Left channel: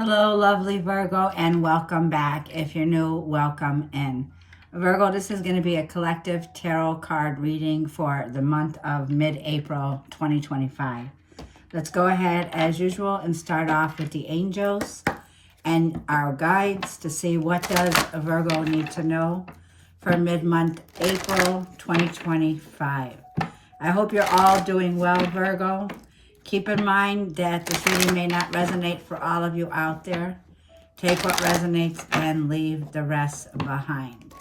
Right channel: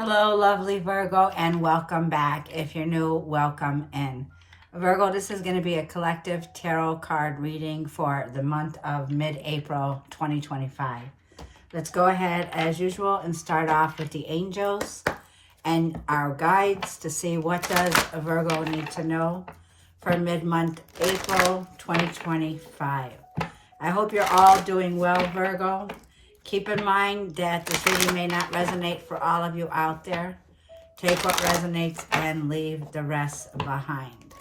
Hello, lovely Virgo, and welcome back. If you're new, welcome in. Virgo, this is going to be a collective tarot card reading for the month of mid-April 2025. Let's go ahead, as usual, and start off with the angels and our guides to see what does a Virgo need to know for mid-month April 2025. I hope you're all doing well, Virgo. Keep in mind that this reading may not resonate for all of you out there. Take what resonates and leave the rest behind.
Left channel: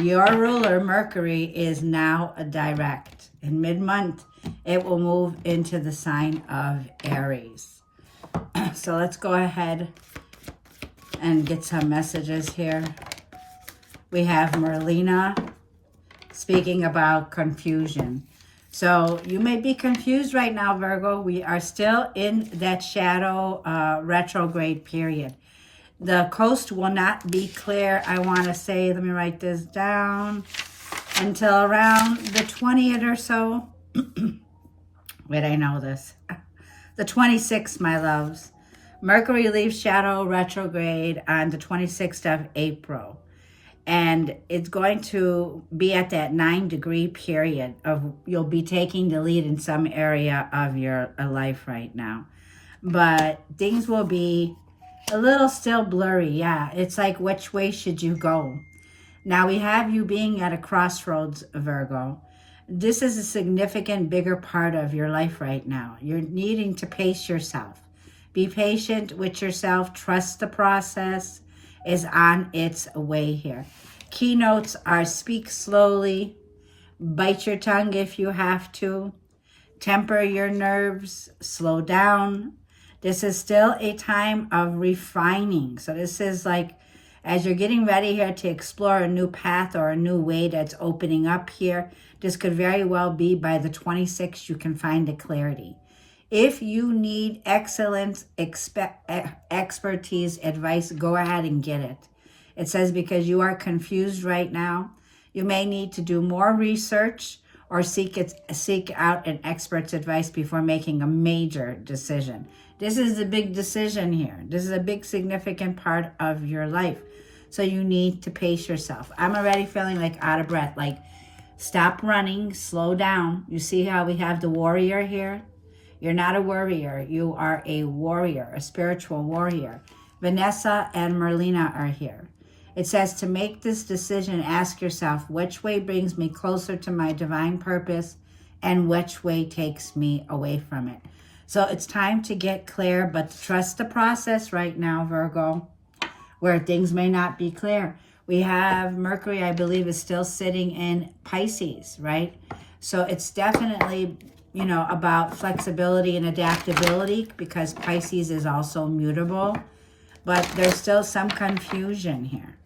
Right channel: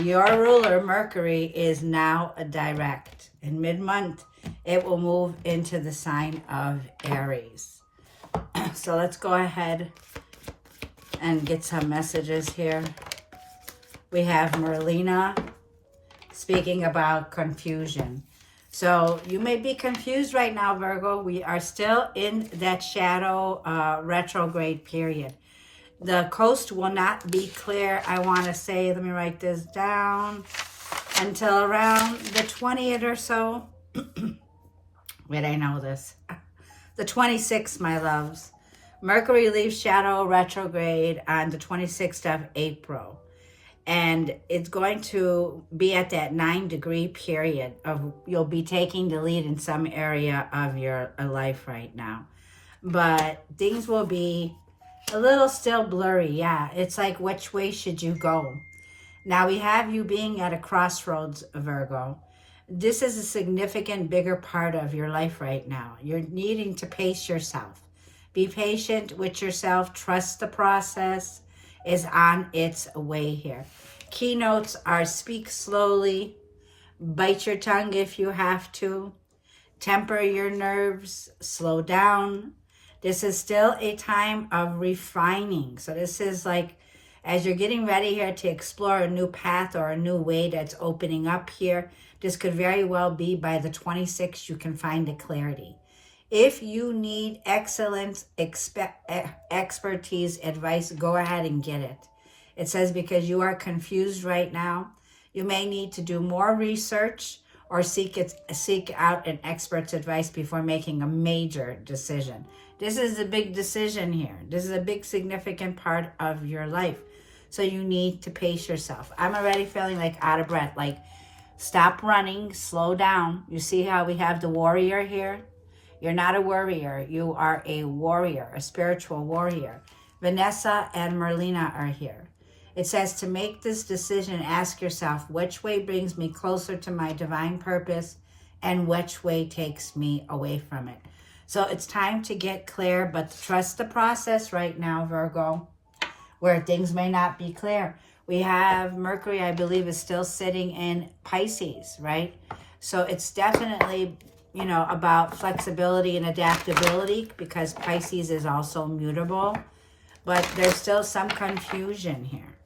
Your ruler, Mercury, is now a direct. In mid-month, it will move into the sign of Aries. So let's go ahead and get some messages here. We have Merlina speaking about confusion. So you may be confused right now, Virgo. We are still in that shadow retrograde period. The coast will not be clear, I want to say, let me write this down, until around the 20th or so. Wait, I know this. The 26th, my loves. Mercury leaves shadow retrograde on the 26th of April. And it's going to be at that 9-degree period of you'll be taking the lead in some area of your life right now. But things will be a little still blurry. Yeah, it's like, which way should you go? Now we have you being at a crossroads, Virgo. This is a significant, bigger part of your life right now. You're needing to pace yourself. Be patient with yourself. Trust the process is on its way here. Keynotes are speak slowly, bite your tongue if you have to, temper your nerves, slow down. This is still a time of refining. So this is like, as you're getting ready here to explore a new path or a new way that's opening up here, this could very well be by the 26th you can find the clarity. If you need excellence, expertise, advice, go ahead and get it. It says because you are confused right now, you may need to do more research or seek out an expert's advice before making a major decision. This is a big decision here. This is a big significant part of your life. So you need to pace yourself. I'm already feeling like out of breath, like stop running, slow down. You see how we have the warrior here? You're not a worrier. You are a warrior, a spiritual warrior. Vanessa and Merlina are here. It says to make this decision, ask yourself, which way brings me closer to my divine purpose and which way takes me away from it? So it's time to get clear, but trust the process right now, Virgo, where things may not be clear. We have Mercury, I believe, is still sitting in Pisces, right? So it's definitely, you know, about flexibility and adaptability because Pisces is also mutable, but there's still some confusion here.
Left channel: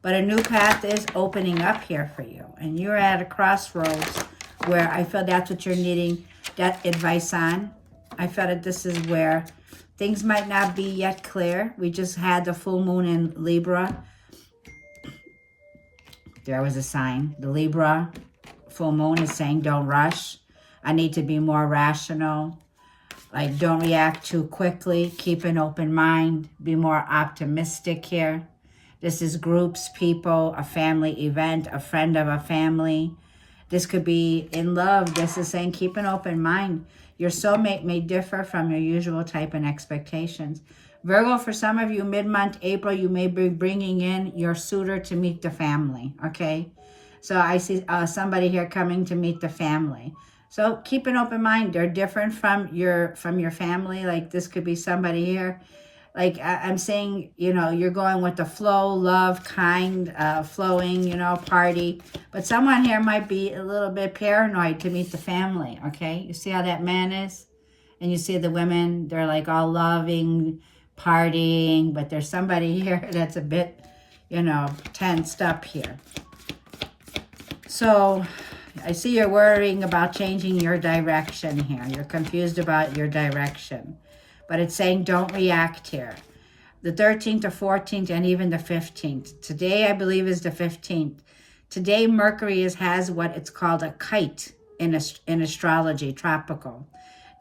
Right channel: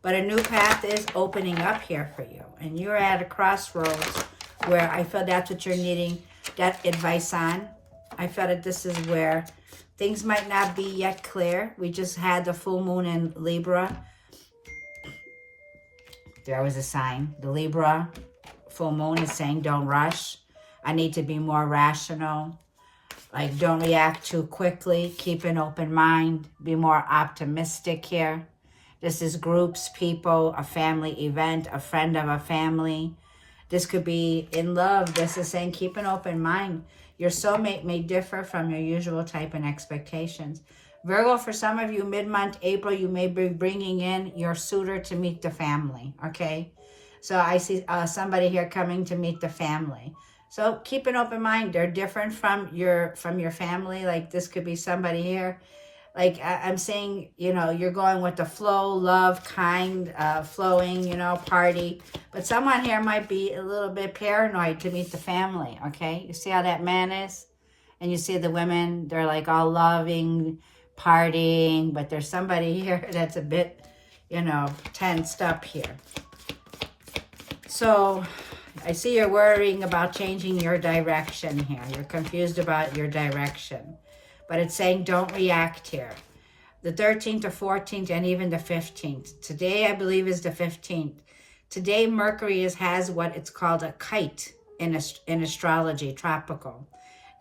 But a new path is opening up here for you, and you're at a crossroads where I feel that's what you're needing that advice on. I feel that this is where things might not be yet clear. We just had the full moon in Libra. There was a sign. The Libra full moon is saying don't rush. I need to be more rational. Like, don't react too quickly. Keep an open mind. Be more optimistic here. This is groups, people, a family event, a friend of a family. This could be in love. This is saying keep an open mind. Your soulmate may differ from your usual type and expectations. Virgo, for some of you, mid-month April, you may be bringing in your suitor to meet the family, okay? So I see somebody here coming to meet the family. So keep an open mind. They're different from your family. Like this could be somebody here. Like I'm saying, you know, you're going with the flow, love, kind, flowing, you know, party. But someone here might be a little bit paranoid to meet the family, okay? You see how that man is? And you see the women, they're like all loving, partying. But there's somebody here that's a bit, you know, tensed up here. So I see you're worrying about changing your direction here. You're confused about your direction. But it's saying don't react here. The 13th, the 14th, and even the 15th. Today, I believe, is the 15th. Today, Mercury has what it's called a kite in astrology, tropical.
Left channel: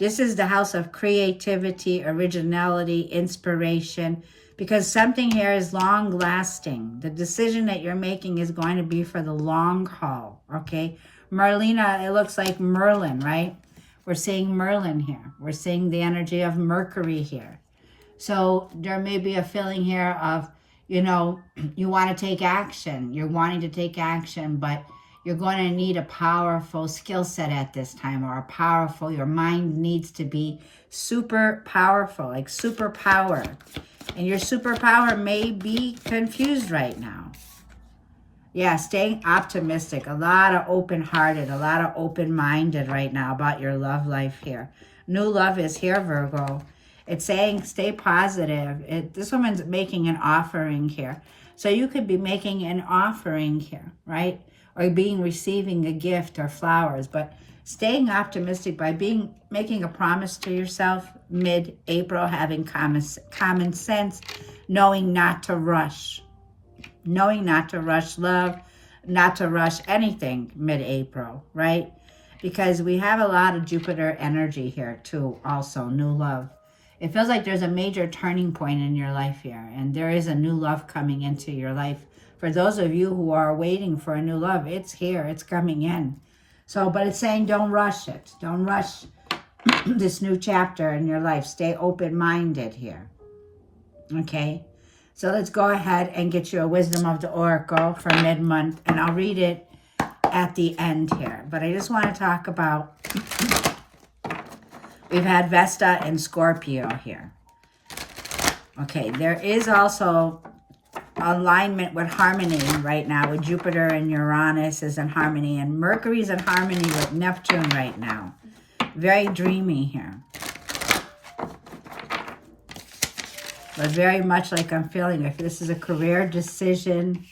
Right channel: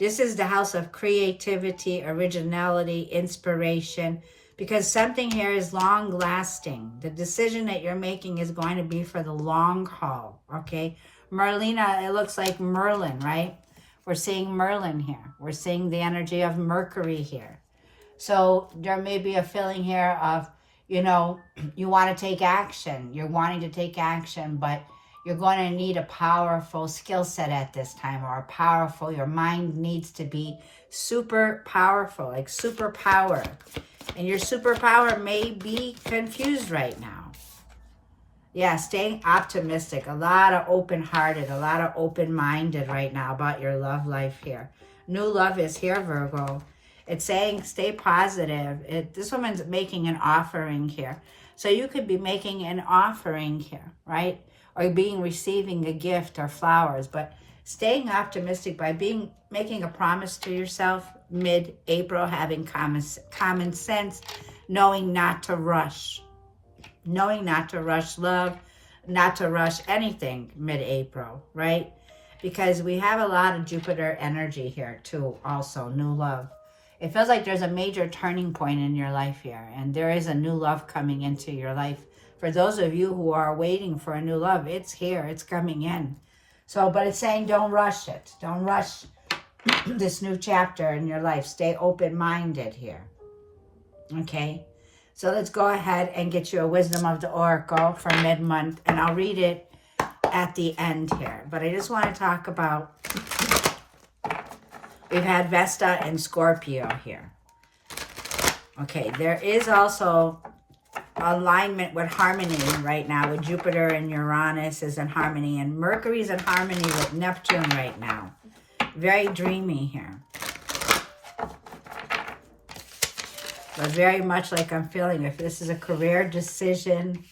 This is the house of creativity, originality, inspiration, because something here is long lasting. The decision that you're making is going to be for the long haul, okay? Merlina, it looks like Merlin, right? We're seeing Merlin here. We're seeing the energy of Mercury here. So there may be a feeling here of, you know, you want to take action. You're wanting to take action, but you're going to need a powerful skill set at this time, or a powerful, your mind needs to be super powerful, like superpower. And your superpower may be confused right now. Yeah, staying optimistic, a lot of open-hearted, a lot of open-minded right now about your love life here. New love is here, Virgo. It's saying stay positive. This woman's making an offering here. So you could be making an offering here, right? Or receiving a gift or flowers. But staying optimistic by making a promise to yourself mid-April, having common sense, knowing not to rush. Knowing not to rush love, not to rush anything mid-April, right? Because we have a lot of Jupiter energy here too, also, new love. It feels like there's a major turning point in your life here, and there is a new love coming into your life. For those of you who are waiting for a new love, it's here, it's coming in. So, but it's saying don't rush it. Don't rush this new chapter in your life. Stay open-minded here, okay? So let's go ahead and get you a Wisdom of the Oracle for mid-month, and I'll read it at the end here. But I just want to talk about, we've had Vesta and Scorpio here. Okay, there is also alignment with harmony right now, with Jupiter and Uranus is in harmony, and Mercury's in harmony with Neptune right now. Very dreamy here. But very much like I'm feeling, if this is a career decision,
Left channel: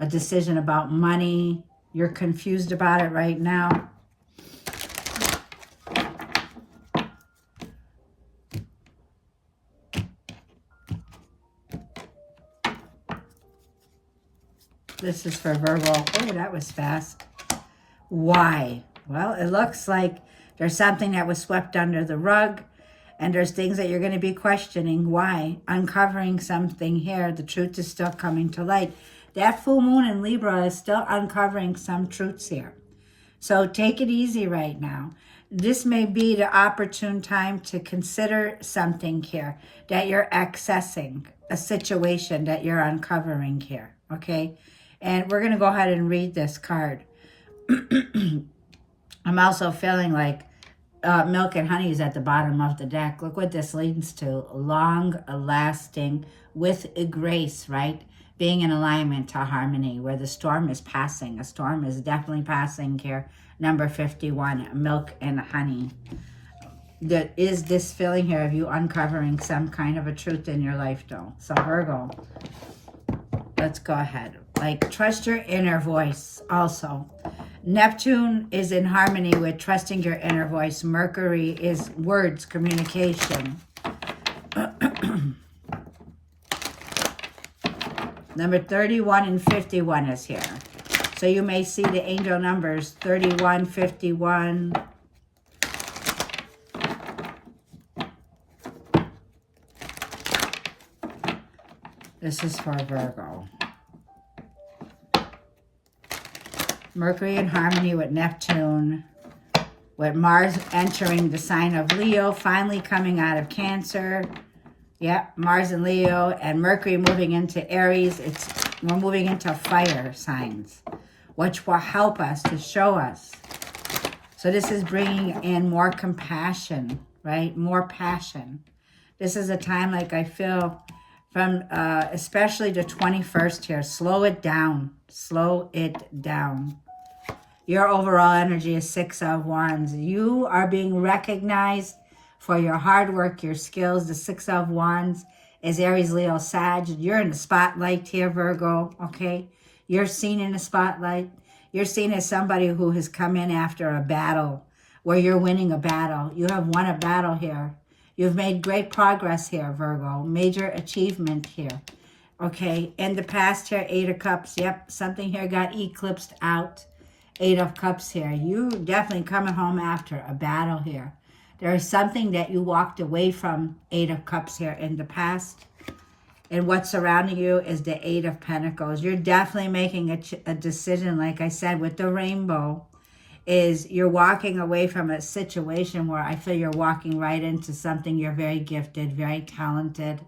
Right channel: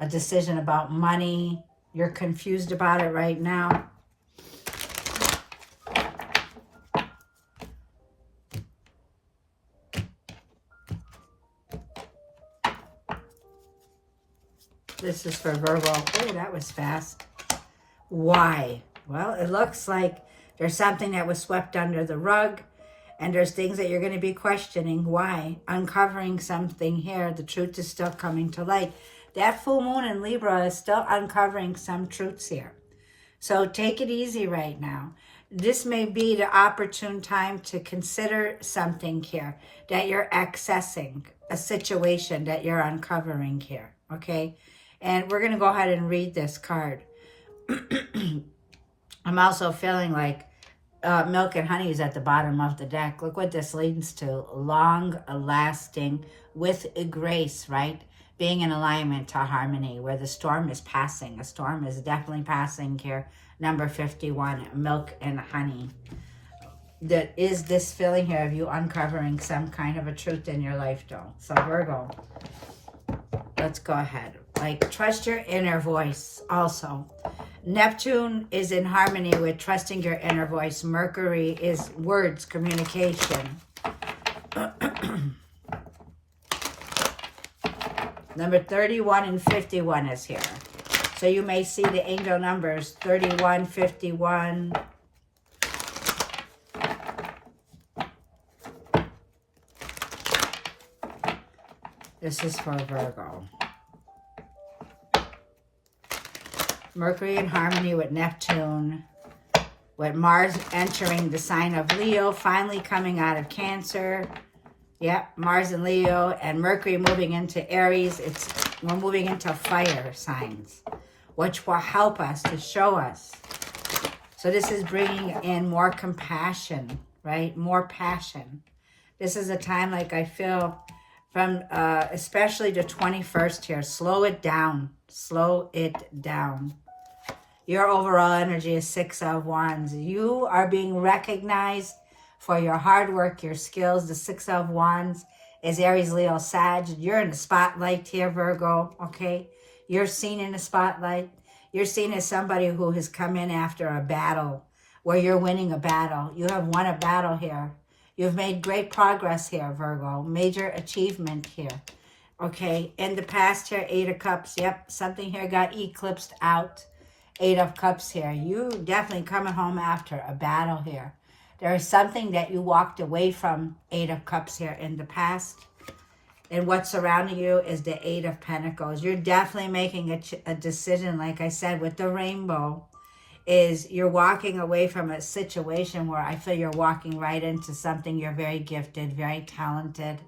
a decision about money, you're confused about it right now. This is for Virgo. Oh, that was fast. Why? Well, it looks like there's something that was swept under the rug. And there's things that you're going to be questioning. Why? Uncovering something here. The truth is still coming to light. That full moon in Libra is still uncovering some truths here. So take it easy right now. This may be the opportune time to consider something here that you're accessing, a situation that you're uncovering here, okay? And we're going to go ahead and read this card. I'm also feeling like milk and honey is at the bottom of the deck. Look what this leads to. Long lasting with a grace, right? Being in alignment to harmony, where the storm is passing. A storm is definitely passing here. Number 51, milk and honey. There is this feeling here of you uncovering some kind of a truth in your life, though. So Virgo, let's go ahead. Like, trust your inner voice also. Neptune is in harmony with trusting your inner voice. Mercury is words, communication. Number 31 and 51 is here. So you may see the angel numbers 31, 51. This is for Virgo. Mercury in harmony with Neptune, with Mars entering the sign of Leo, finally coming out of Cancer. Yep, Mars and Leo, and Mercury moving into Aries. We're moving into fire signs, which will help us to show us. So this is bringing in more compassion, right? More passion. This is a time, like I feel, from especially the 21st here. Slow it down. Slow it down. Your overall energy is 6 of Wands. You are being recognized for your hard work, your skills. The 6 of Wands is Aries, Leo, Sag. You're in the spotlight here, Virgo, okay? You're seen in the spotlight. You're seen as somebody who has come in after a battle, where you're winning a battle. You have won a battle here. You've made great progress here, Virgo. Major achievement here, okay? In the past here, 8 of Cups. Yep, something here got eclipsed out. 8 of Cups here. You definitely coming home after a battle here. There is something that you walked away from, Eight of Cups here, in the past. And what's surrounding you is the Eight of Pentacles. You're definitely making a decision, like I said, with the rainbow, is you're walking away from a situation where I feel you're walking right into something. You're very gifted, very talented.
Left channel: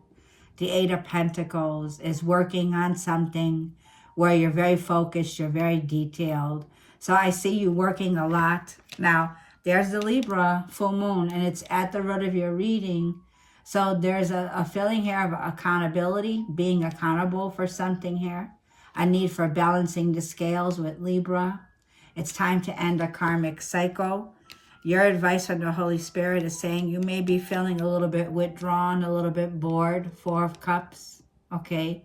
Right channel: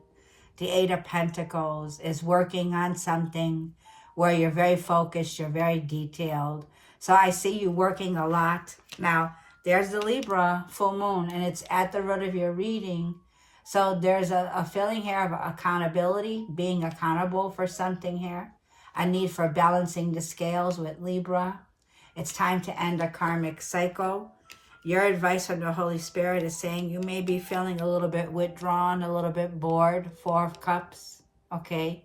The Eight of Pentacles is working on something where you're very focused, you're very detailed. So I see you working a lot. Now, there's the Libra full moon, and it's at the root of your reading. So there's a feeling here of accountability, being accountable for something here. A need for balancing the scales with Libra. It's time to end a karmic cycle. Your advice from the Holy Spirit is saying you may be feeling a little bit withdrawn, a little bit bored. Four of Cups, okay?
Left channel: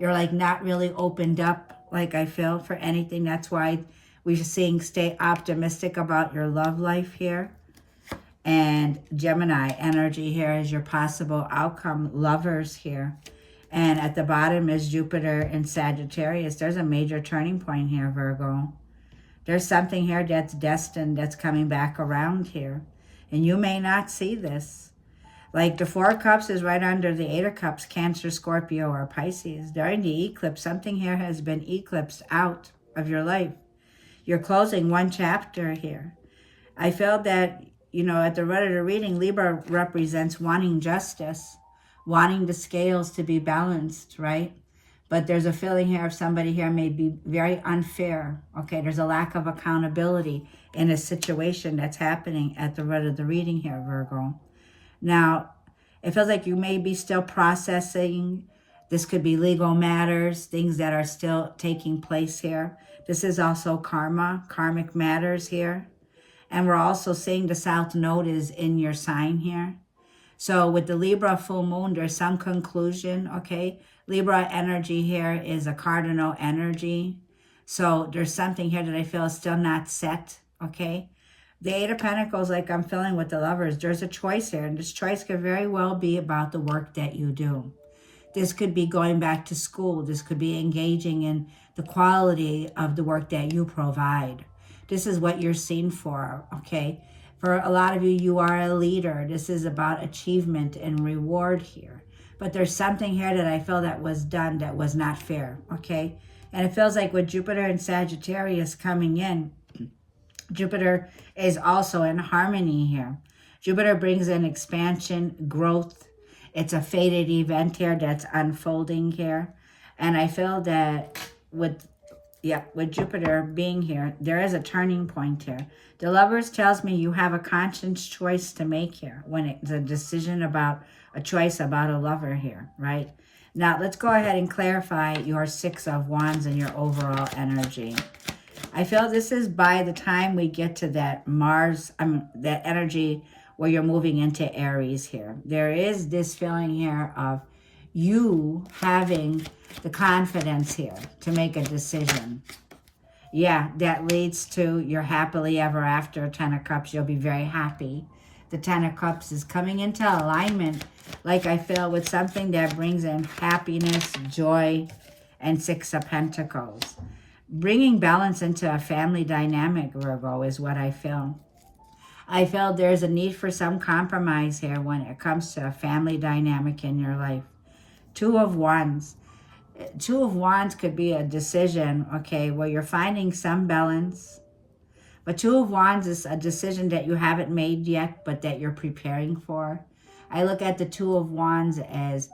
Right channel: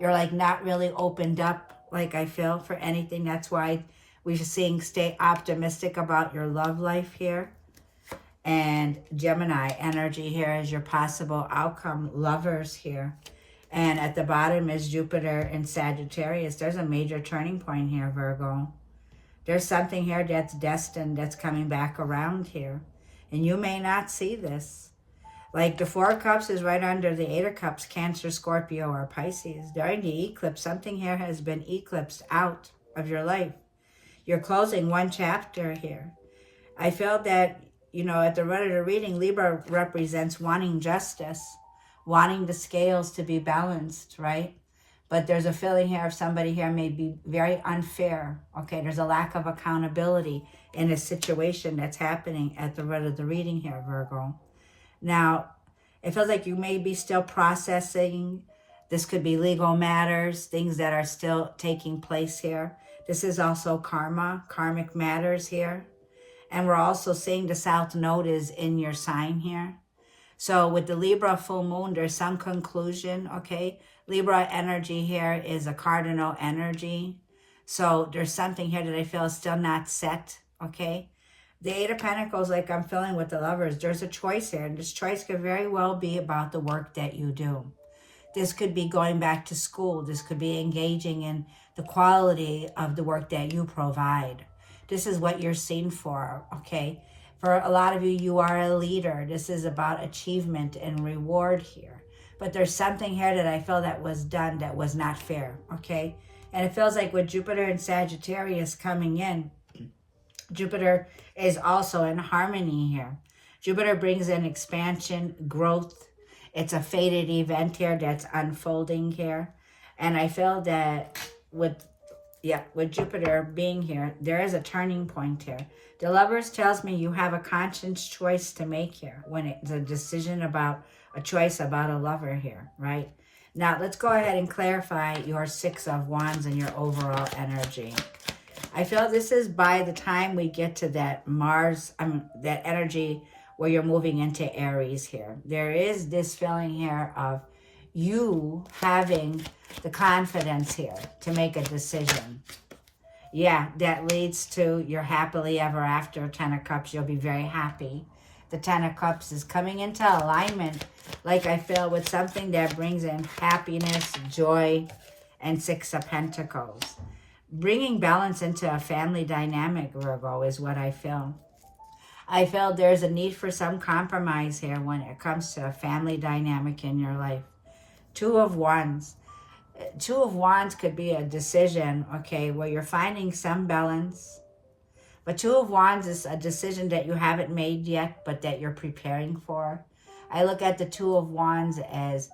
You're like not really opened up, like I feel, for anything. That's why we're seeing stay optimistic about your love life here. And Gemini energy here is your possible outcome, lovers here. And at the bottom is Jupiter in Sagittarius. There's a major turning point here, Virgo. There's something here that's destined, that's coming back around here. And you may not see this. Like the Four of Cups is right under the Eight of Cups, Cancer, Scorpio, or Pisces. During the eclipse, something here has been eclipsed out of your life. You're closing one chapter here. I feel that, you know, at the root of the reading, Libra represents wanting justice, wanting the scales to be balanced, right? But there's a feeling here of somebody here may be very unfair, okay? There's a lack of accountability in a situation that's happening at the root of the reading here, Virgo. Now, it feels like you may be still processing. This could be legal matters, things that are still taking place here. This is also karma, karmic matters here. And we're also seeing the South Node is in your sign here. So with the Libra full moon, there's some conclusion, okay? Libra energy here is a cardinal energy. So there's something here that I feel is still not set, okay? The Eight of Pentacles, like I'm feeling with the Lovers, there's a choice here. And this choice could very well be about the work that you do. This could be going back to school. This could be engaging in the quality of the work that you provide. This is what you're seen for, okay? For a lot of you, you are a leader. This is about achievement and reward here. But there's something here that I feel that was done that was not fair, okay? And it feels like with Jupiter and Sagittarius coming in, Jupiter is also in harmony here. Jupiter brings in expansion, growth. It's a fated event here that's unfolding here. And I feel that with Jupiter being here, there is a turning point here. The Lovers tells me you have a conscious choice to make here when it's a decision about a choice about a lover here, right? Now, let's go ahead and clarify your Six of Wands and your overall energy. I feel this is by the time we get to that Mars, that energy where you're moving into Aries here. There is this feeling here of you having the confidence here to make a decision. Yeah, that leads to your happily ever after, Ten of Cups. You'll be very happy. The Ten of Cups is coming into alignment, like I feel, with something that brings in happiness, joy, and Six of Pentacles. Bringing balance into a family dynamic, Virgo, is what I feel. I feel there's a need for some compromise here when it comes to a family dynamic in your life. Two of Wands. Two of Wands could be a decision, okay, where you're finding some balance. But Two of Wands is a decision that you haven't made yet, but that you're preparing for. I look at the Two of Wands as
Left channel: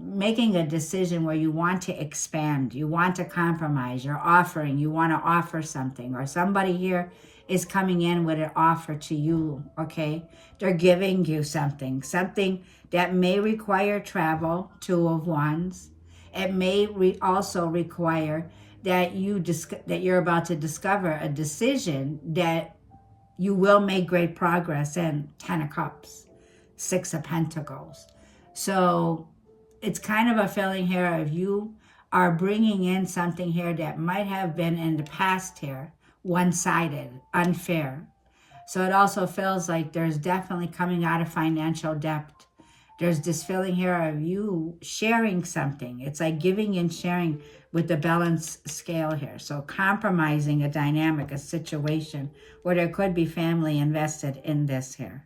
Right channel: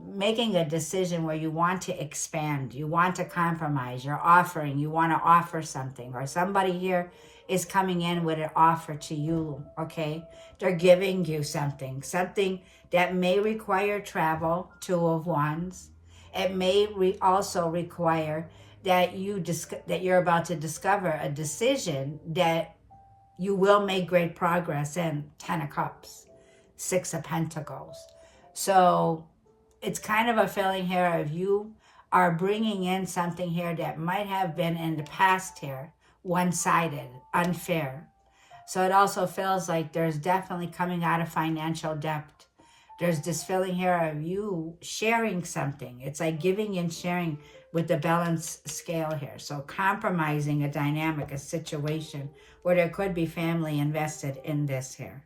making a decision where you want to expand, you want to compromise, you're offering, you want to offer something, or somebody here is coming in with an offer to you, okay? They're giving you something that may require travel, Two of Wands. It may also require that you're about to discover a decision that you will make great progress in, Ten of Cups, Six of Pentacles. So it's kind of a feeling here of you are bringing in something here that might have been in the past here, one-sided, unfair. So it also feels like there's definitely coming out of financial debt. There's this feeling here of you sharing something. It's like giving and sharing with the balance scale here. So compromising a dynamic, a situation where there could be family invested in this here.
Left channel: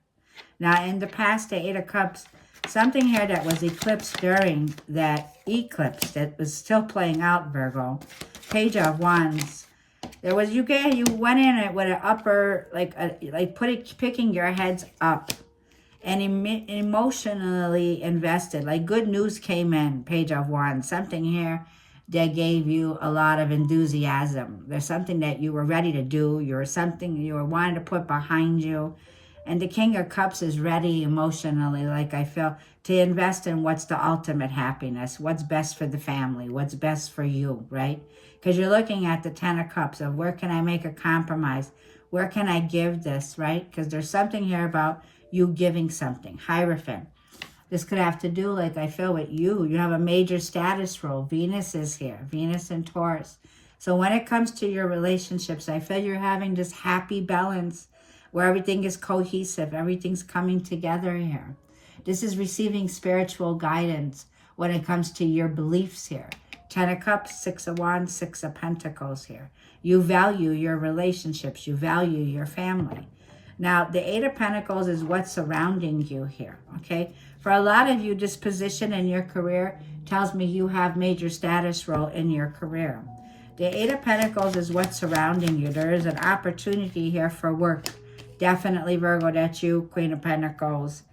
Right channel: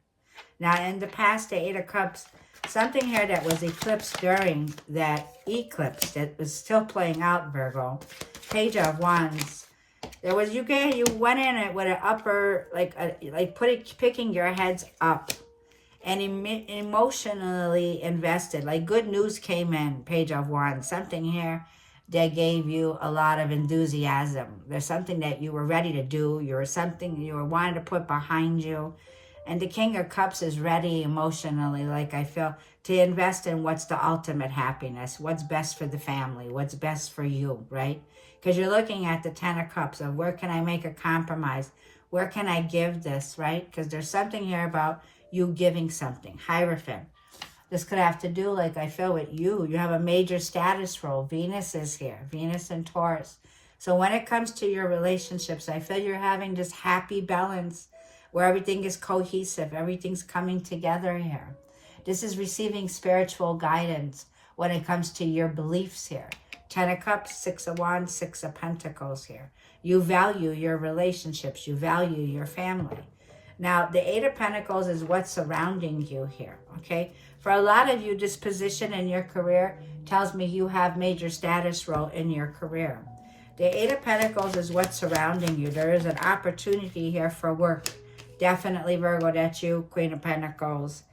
Now, in the past, the Eight of Cups, something here that was eclipsed during that eclipse that was still playing out, Virgo. Page of Wands. There was, you went in it with an upper, picking your heads up and emotionally invested. Like good news came in, Page of Wands. Something here that gave you a lot of enthusiasm. There's something that you were ready to do. Something you were wanting to put behind you. And the King of Cups is ready emotionally, like I feel, to invest in what's the ultimate happiness, what's best for the family, what's best for you, right? Because you're looking at the Ten of Cups of where can I make a compromise? Where can I give this, right? Because there's something here about you giving something. Hierophant. This could have to do, like I feel, with you. You have a major status role. Venus is here. Venus and Taurus. So when it comes to your relationships, I feel you're having this happy balance where everything is cohesive. Everything's coming together here. This is receiving spiritual guidance when it comes to your beliefs here. Ten of Cups, Six of Wands, Six of Pentacles here. You value your relationships. You value your family. Now, the Eight of Pentacles is what's surrounding you here, okay? For a lot of you, this position in your career tells me you have major status role in your career. The Eight of Pentacles is what's surrounding you. There is an opportunity here for work. Definitely, Virgo, that's you, Queen of Pentacles.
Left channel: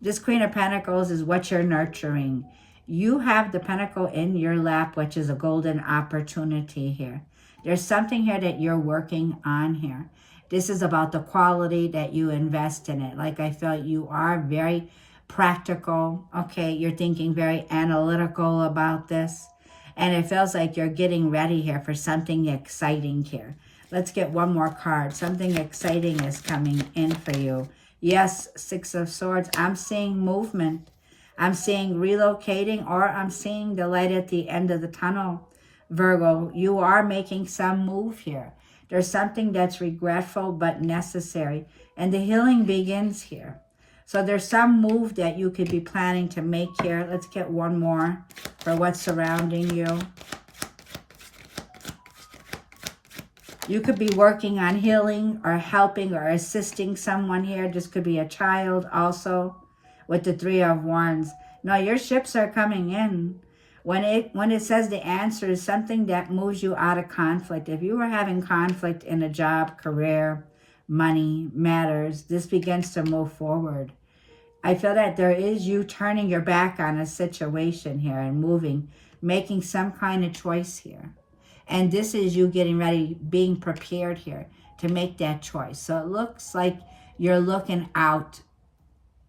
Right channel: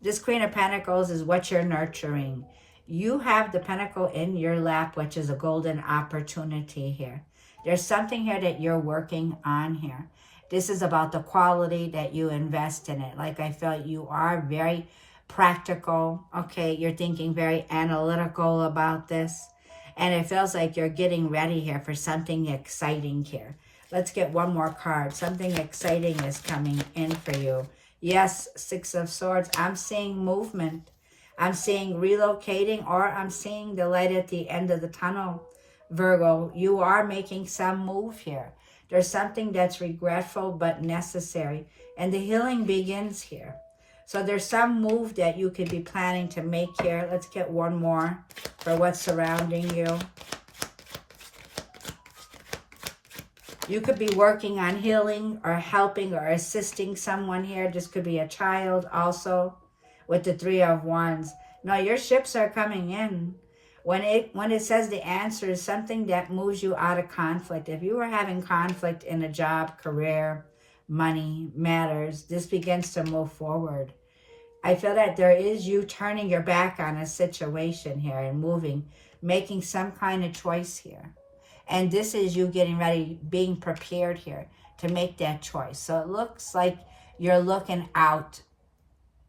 This Queen of Pentacles is what you're nurturing. You have the pentacle in your lap, which is a golden opportunity here. There's something here that you're working on here. This is about the quality that you invest in it. Like I felt you are very practical, okay? You're thinking very analytical about this. And it feels like you're getting ready here for something exciting here. Let's get one more card. Something exciting is coming in for you. Yes, Six of Swords. I'm seeing movement. I'm seeing relocating, or I'm seeing the light at the end of the tunnel. Virgo, you are making some move here. There's something that's regretful but necessary. And the healing begins here. So there's some move that you could be planning to make here. Let's get one more for what's surrounding you. You could be working on healing or helping or assisting someone here. This could be a child also with the Three of Wands. No, your ships are coming in. When it says the answer is something that moves you out of conflict. If you were having conflict in a job, career, money, matters, this begins to move forward. I feel that there is you turning your back on a situation here and moving, making some kind of choice here. And this is you getting ready, being prepared here to make that choice. So it looks like you're looking out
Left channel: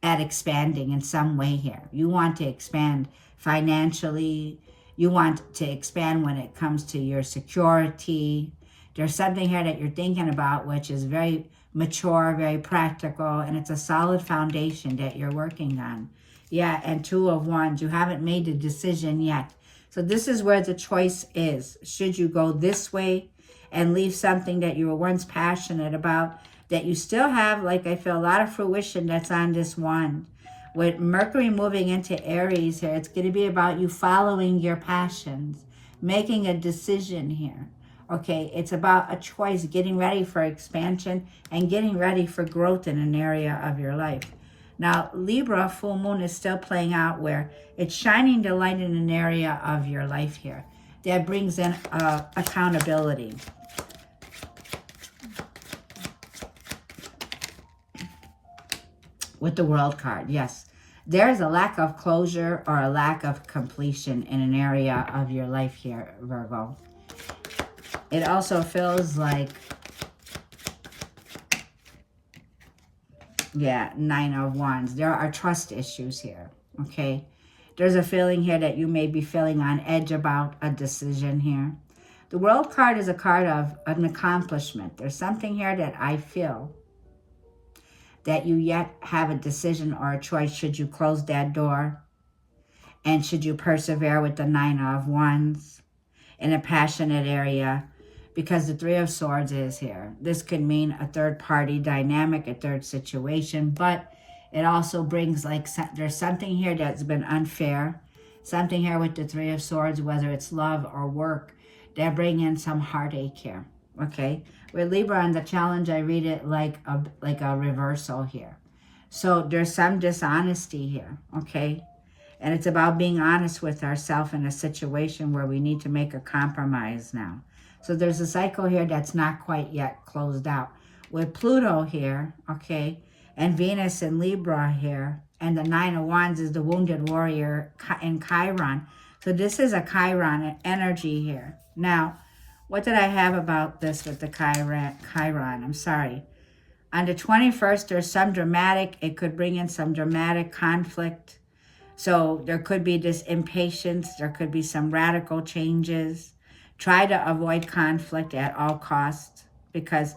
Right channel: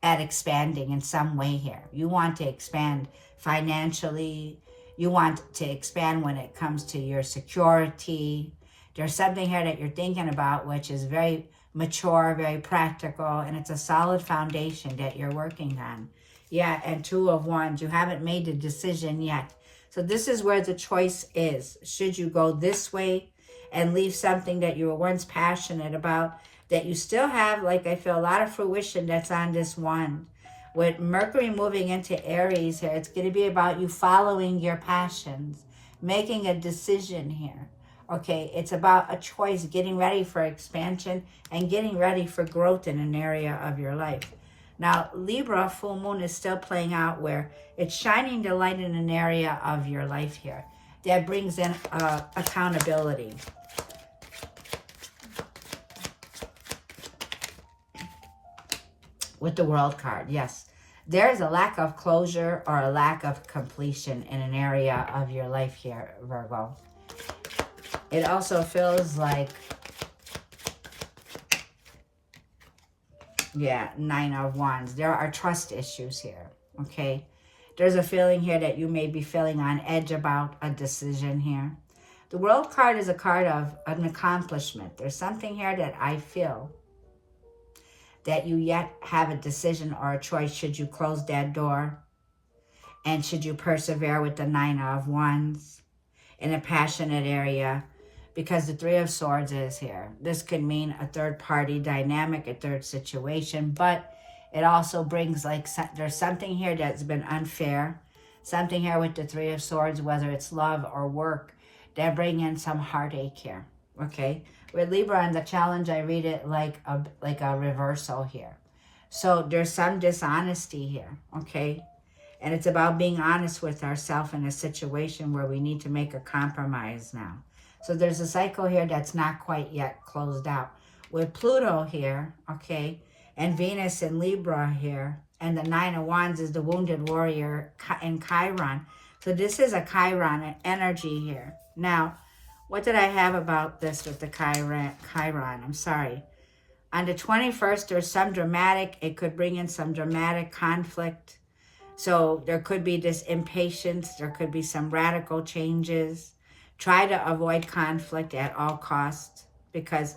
at expanding in some way here. You want to expand financially. You want to expand when it comes to your security. There's something here that you're thinking about, which is very mature, very practical, and it's a solid foundation that you're working on. Yeah, and Two of Wands. You haven't made a decision yet. So this is where the choice is. Should you go this way and leave something that you were once passionate about, that you still have, like I feel, a lot of fruition that's on this wand. With Mercury moving into Aries here, it's going to be about you following your passions, making a decision here. Okay, it's about a choice, getting ready for expansion and getting ready for growth in an area of your life. Now, Libra, full moon is still playing out where it's shining the light in an area of your life here that brings in accountability. With the World card, yes. There is a lack of closure or a lack of completion in an area of your life here, Virgo. It also feels like, yeah, Nine of Wands. There are trust issues here, okay? There's a feeling here that you may be feeling on edge about a decision here. The World card is a card of an accomplishment. There's something here that I feel that you yet have a decision or a choice. Should you close that door? And should you persevere with the Nine of Wands in a passionate area? Because the Three of Swords is here. This could mean a third party dynamic, a third situation, but it also brings like, there's something here that's been unfair. Something here with the Three of Swords, whether it's love or work, that bring in some heartache here, okay? With Libra and the challenge, I read it like a reversal here. So there's some dishonesty here, okay? And it's about being honest with ourselves in a situation where we need to make a compromise now. So there's a cycle here that's not quite yet closed out. With Pluto here, okay, and Venus in Libra here, and the Nine of Wands is the wounded warrior in Chiron. So this is a Chiron energy here. Now, what did I have about this with the Chiron? I'm sorry. On the 21st, there's some dramatic, it could bring in some dramatic conflict. So there could be this impatience. There could be some radical changes. Try to avoid conflict at all costs, because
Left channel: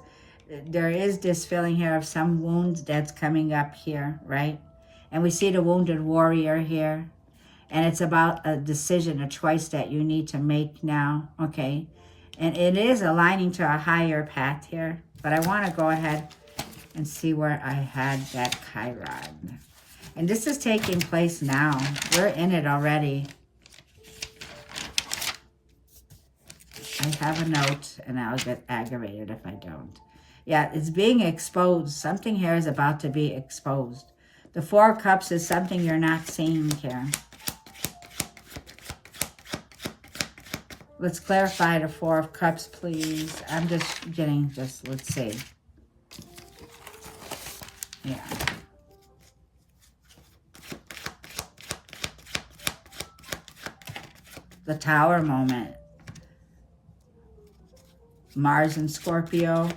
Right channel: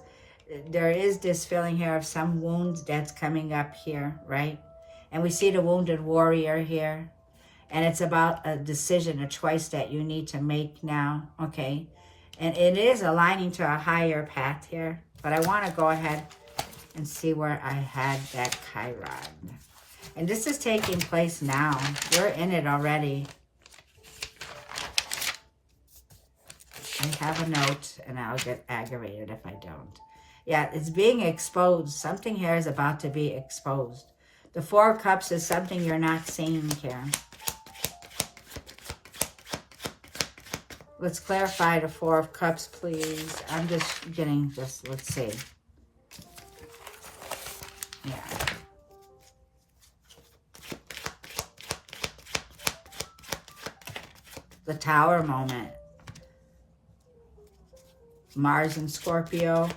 there is this feeling here of some wounds that's coming up here, right? And we see the wounded warrior here. And it's about a decision, a choice that you need to make now, okay? And it is aligning to a higher path here. But I want to go ahead and see where I had that Chiron. And this is taking place now. We're in it already. I have a note, and I'll get aggravated if I don't. Yeah, it's being exposed. Something here is about to be exposed. The Four of Cups is something you're not seeing here. Let's clarify the Four of Cups, please. I'm just getting, let's see. Yeah. The Tower moment. Mars and Scorpio.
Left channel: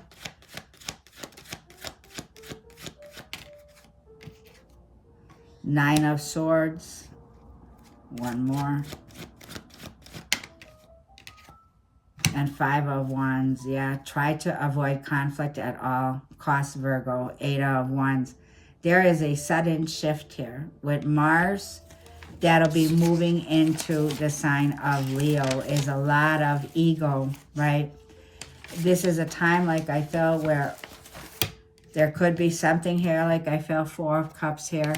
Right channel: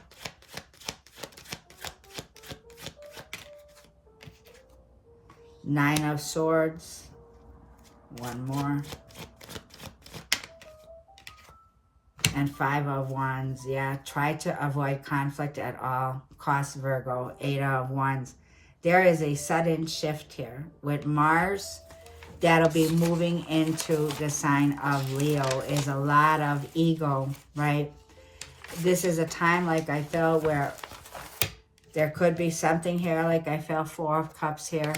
Nine of Swords. One more. And Five of Wands. Yeah, try to avoid conflict at all costs, Virgo. Eight of Wands. There is a sudden shift here with Mars. That'll be moving into the sign of Leo. Is a lot of ego, right? This is a time, like I feel, where there could be something here, like I feel Four of Cups here.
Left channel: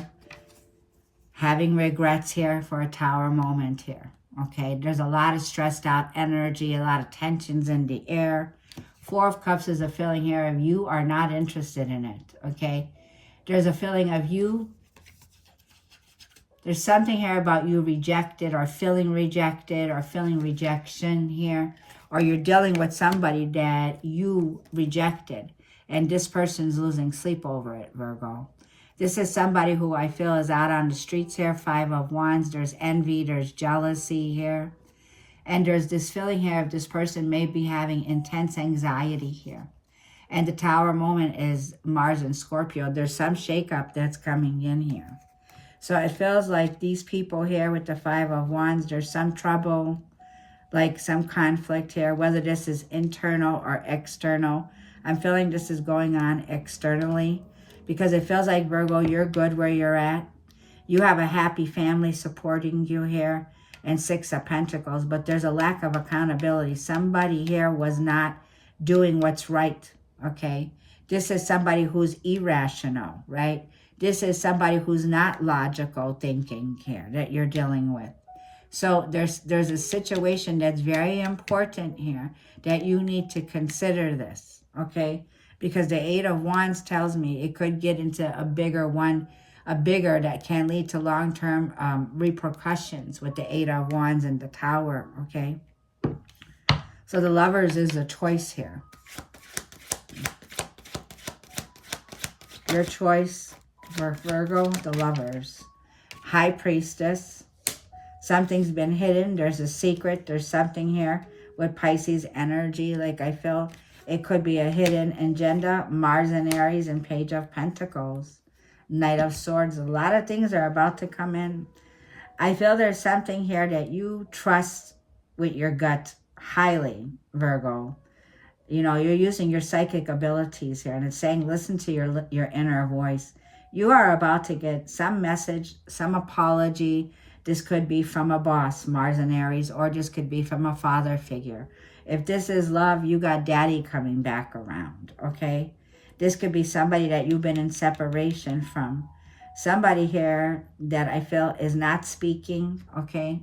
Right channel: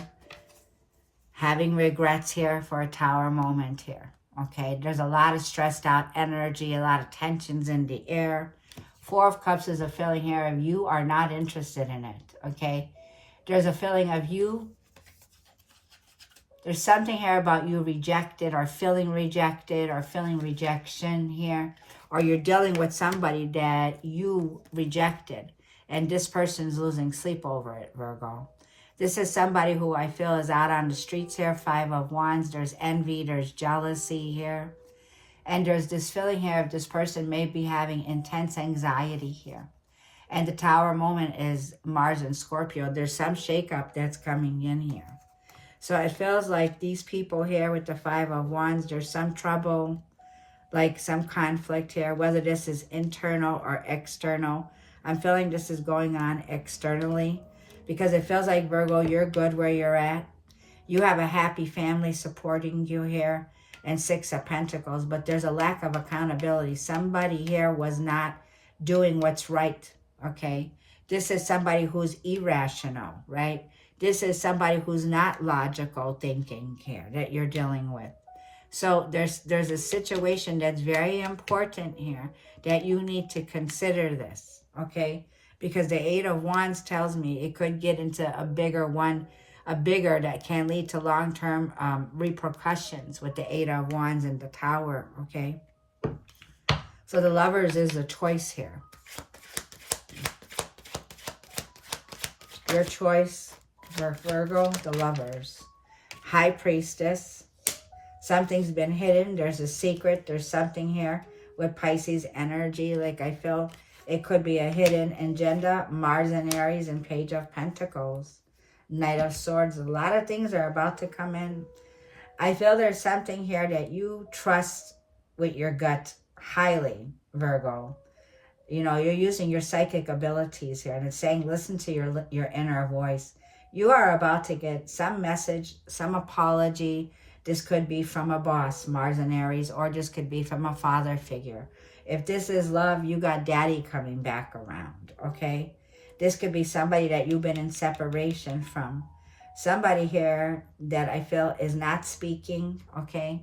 Having regrets here for a Tower moment here, okay? There's a lot of stressed out energy, a lot of tensions in the air. Four of Cups is a feeling here of you are not interested in it, okay? There's a feeling of you. There's something here about you rejected or feeling rejection here. Or you're dealing with somebody that you rejected. And this person's losing sleep over it, Virgo. This is somebody who I feel is out on the streets here. Five of Wands. There's envy. There's jealousy here. And there's this feeling here of this person may be having intense anxiety here. And the Tower moment is Mars and Scorpio. There's some shakeup that's coming in here. So it feels like these people here with the Five of Wands, there's some trouble, like some conflict here, whether this is internal or external. I'm feeling this is going on externally because it feels like, Virgo, you're good where you're at. You have a happy family supporting you here, and Six of Pentacles, but there's a lack of accountability. Somebody here was not doing what's right, okay? This is somebody who's irrational, right? This is somebody who's not logical thinking here that you're dealing with. So there's a situation that's very important here that you need to consider this, okay? Because the Eight of Wands tells me it could get into a bigger that can lead to long-term repercussions with the Eight of Wands and the Tower, okay? So the Lovers is a choice here. Your choice for Virgo, the Lovers. High Priestess. Something's been hidden. There's a secret. There's something here with Pisces energy. Like I feel it could be a hidden agenda. Mars and Aries and Page of Pentacles. Knight of Swords. A lot of things are about to come in. I feel there's something here that you trust with your gut highly, Virgo. You know, you're using your psychic abilities here. And it's saying, listen to your inner voice. You are about to get some message, some apology. This could be from a boss, Mars and Aries, or this could be from a father figure. If this is love, you got daddy coming back around, okay? This could be somebody that you've been in separation from. Somebody here that I feel is not speaking, okay?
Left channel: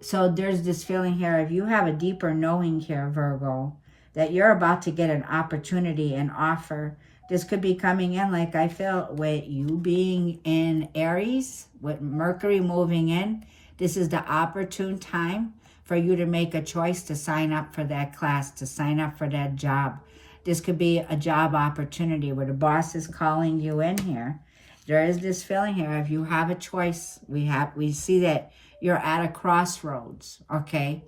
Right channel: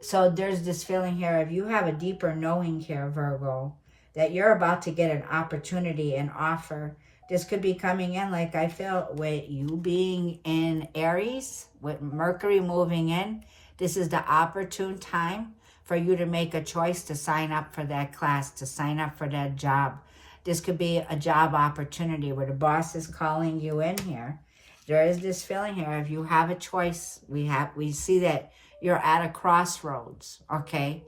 So there's this feeling here, if you have a deeper knowing here, Virgo, that you're about to get an opportunity, an offer This could be coming in, like I feel, with you being in Aries, with Mercury moving in. This is the opportune time for you to make a choice to sign up for that class, to sign up for that job. This could be a job opportunity where the boss is calling you in here. There is this feeling here, if you have a choice, we see that you're at a crossroads, okay?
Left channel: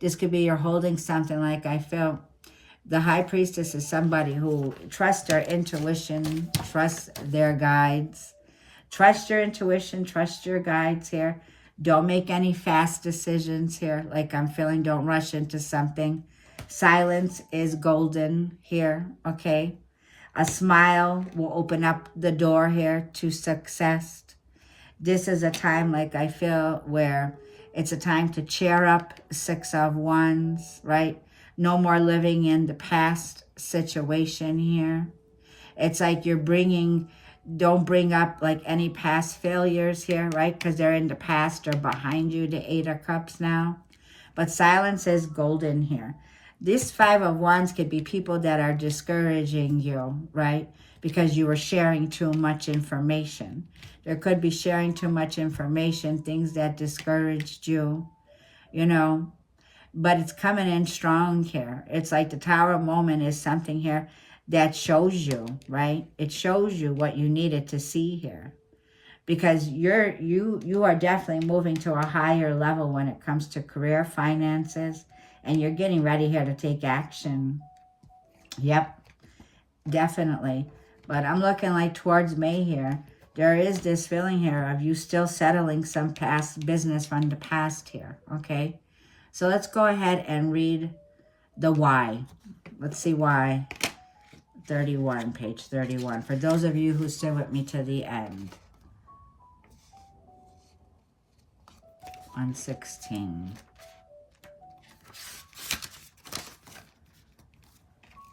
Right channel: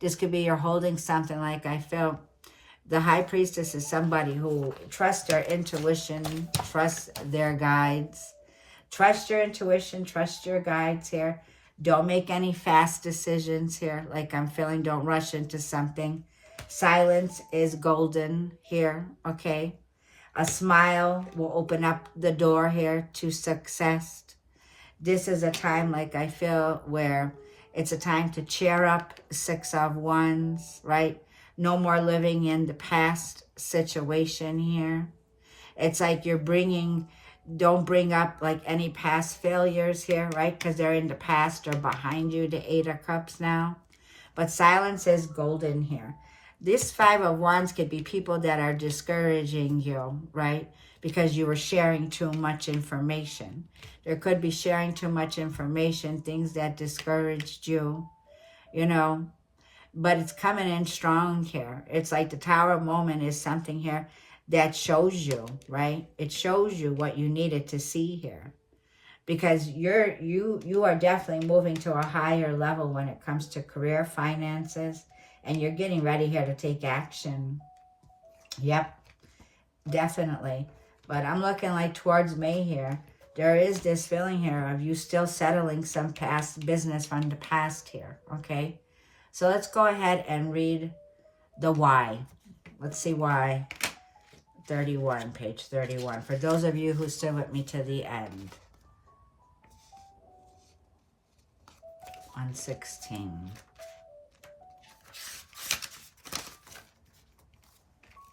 This could be you're holding something, like I feel. The High Priestess is somebody who trusts their intuition, trusts their guides. Trust your intuition, trust your guides here. Don't make any fast decisions here. Like I'm feeling, don't rush into something. Silence is golden here, okay? A smile will open up the door here to success. This is a time, like I feel, where it's a time to cheer up. 6 of Wands, right? No more living in the past situation here. It's like you're don't bring up like any past failures here, right? Because they're in the past or behind you, the 8 of Cups now. But silence is golden here. This 5 of Wands could be people that are discouraging you, right? Because you were sharing too much information. There could be sharing too much information, things that discouraged you, you know. But it's coming in strong here. It's like the Tower moment is something here that shows you, right? It shows you what you needed to see here. Because you are definitely moving to a higher level when it comes to career, finances, and you're getting ready here to take action. Yep, definitely. But I'm looking like towards May here. There is this feeling here of you still settling some past business from the past here, okay? So let's go ahead and read the why. Let's see why. 31, page 31. For those of you who still with me to the end. On 16.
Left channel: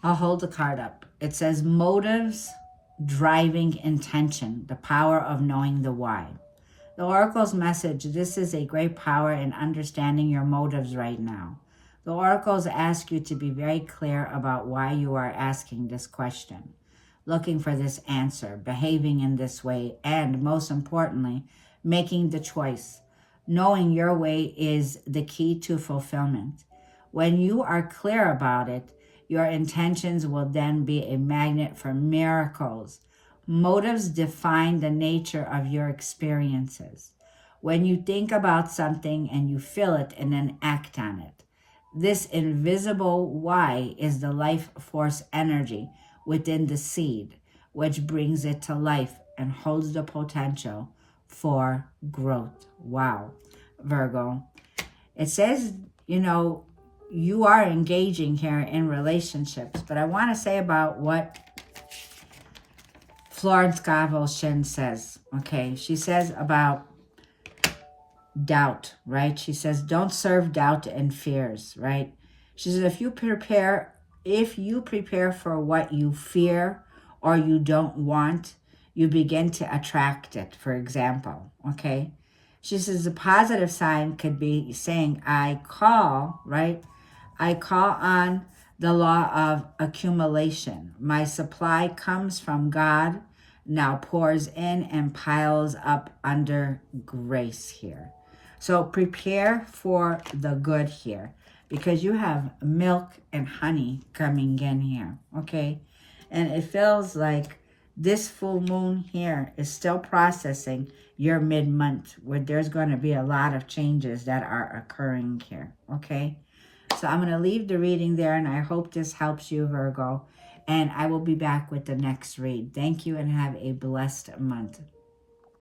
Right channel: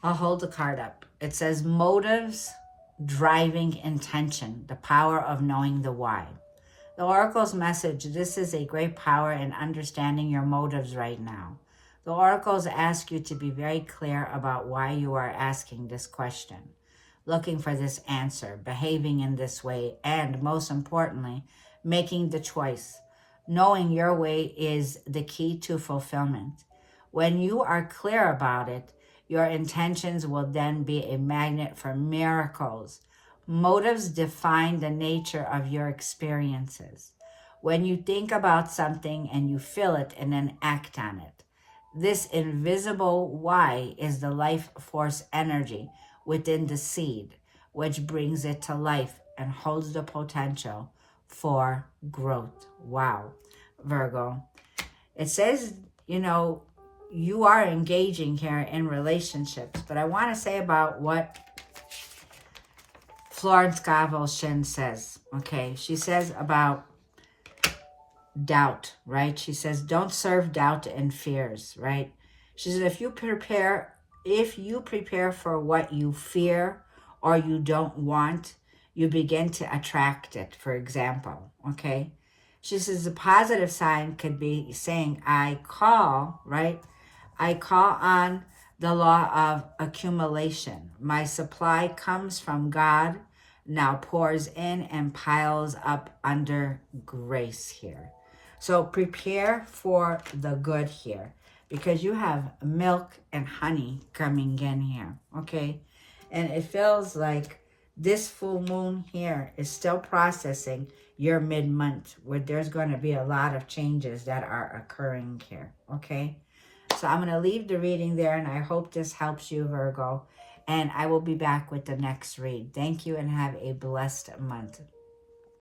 I'll hold the card up. It says motives, driving intention, the power of knowing the why. The Oracle's message, this is a great power in understanding your motives right now. The Oracles ask you to be very clear about why you are asking this question, looking for this answer, behaving in this way, and most importantly, making the choice. Knowing your way is the key to fulfillment. When you are clear about it, your intentions will then be a magnet for miracles. Motives define the nature of your experiences. When you think about something and you feel it and then act on it, this invisible why is the life force energy within the seed, which brings it to life and holds the potential for growth. Wow, Virgo. It says, you know, you are engaging here in relationships, but I want to say about what Florence Scovel Shin says, okay? She says about doubt, right? She says, don't serve doubt and fears, right? She says, if you prepare for what you fear or you don't want, you begin to attract it, for example, okay? She says, a positive sign could be saying, I call, right? I call on the law of accumulation. My supply comes from God, now pours in and piles up under grace here. So prepare for the good here, because you have milk and honey coming in here, okay? And it feels like this full moon here is still processing your mid-month, where there's going to be a lot of changes that are occurring here, okay? So I'm going to leave the reading there, and I hope this helps you, Virgo. And I will be back with the next read. Thank you, and have a blessed month.